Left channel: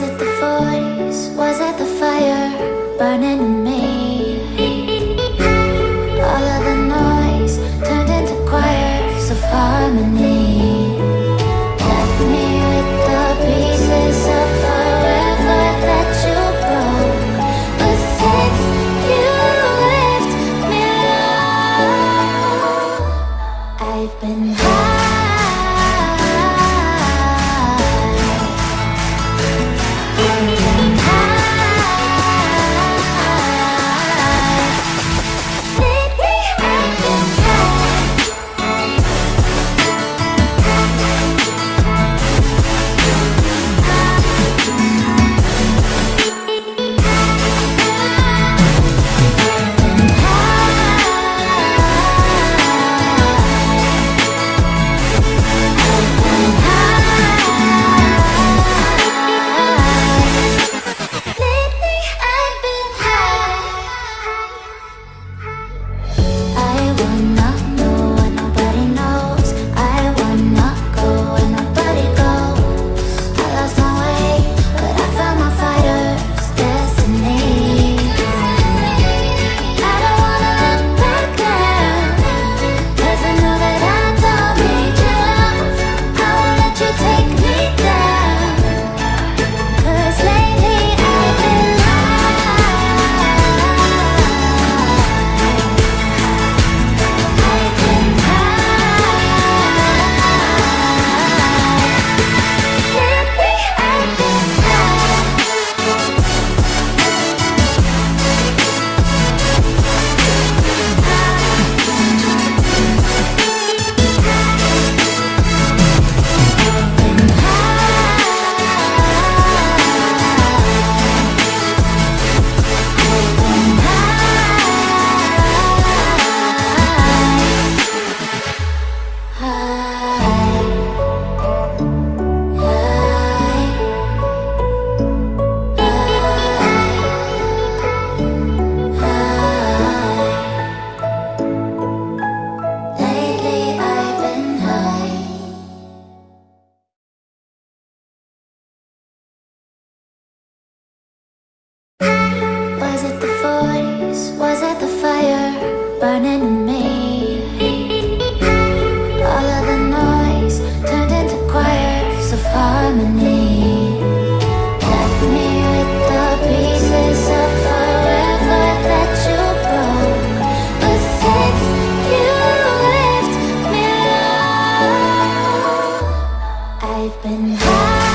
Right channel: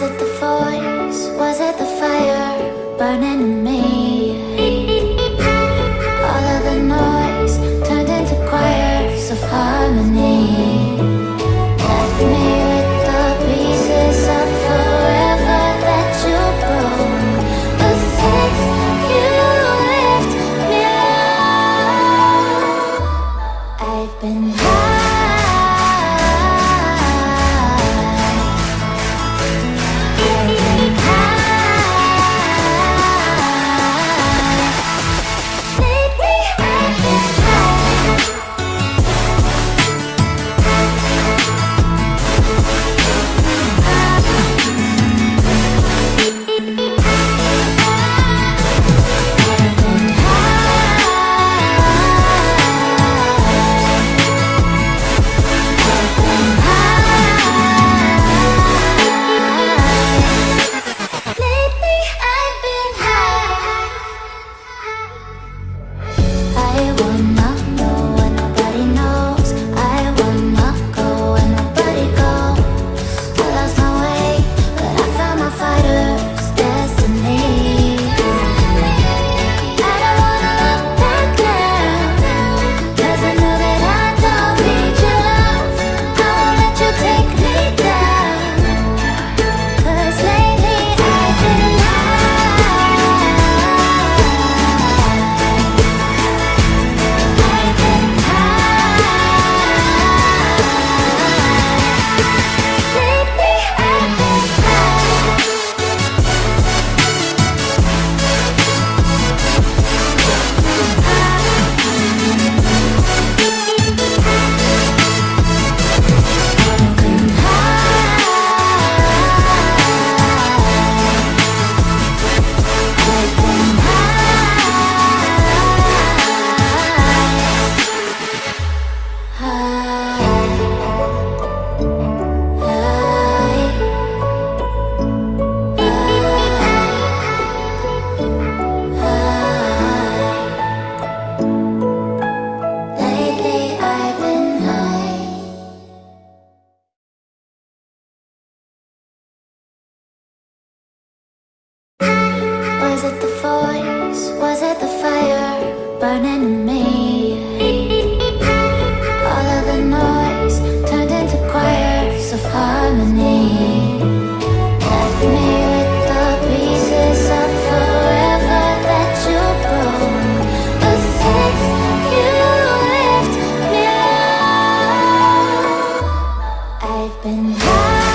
Was it the voice? Was it the fire burning in me? All of the noise turned into choirs of harmony. Left me with the pieces of forever that you broke. But since you left me alone, I've been high. Was it the voice? Was it the fire burning in me? All of the noise turned into choirs of harmony. Left me with the pieces of forever that you broke. But since you left me alone, I've been high.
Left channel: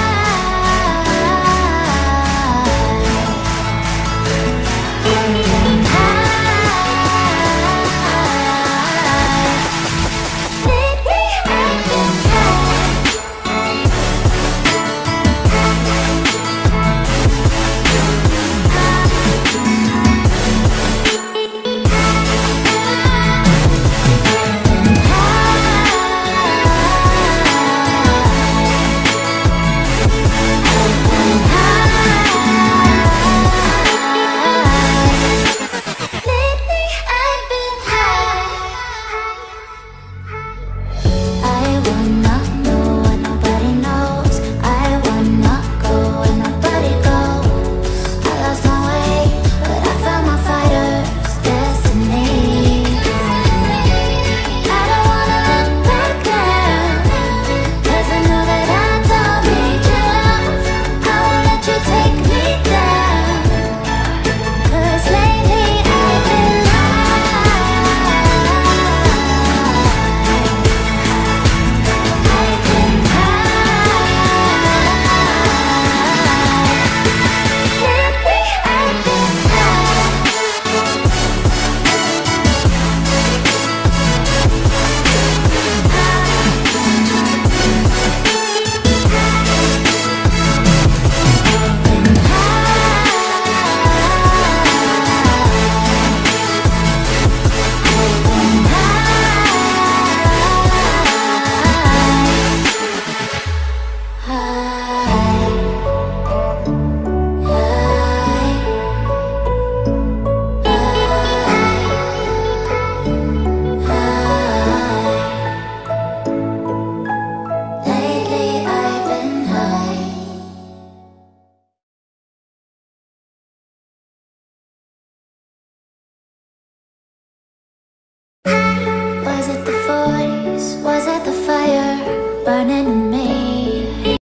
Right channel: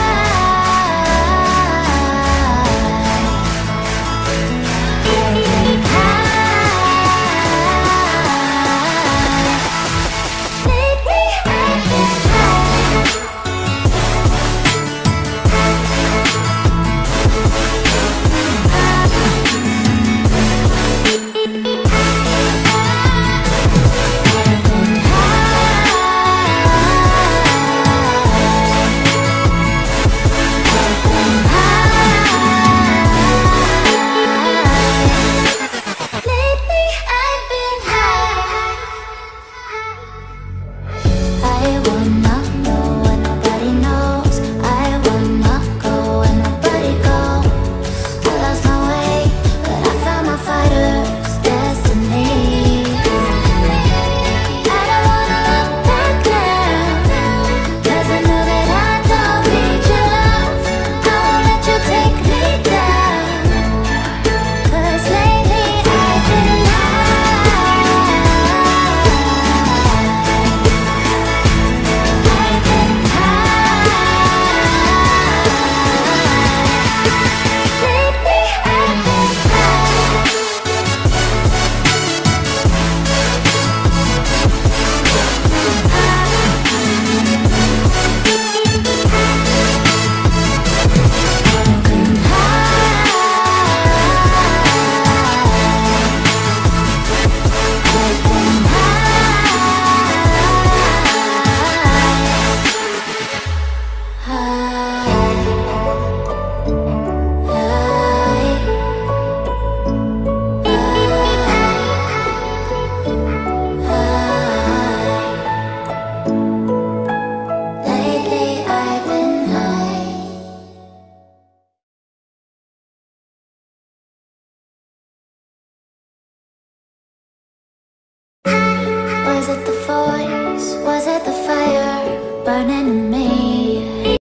Was it the voice? Was it the fire burning in me?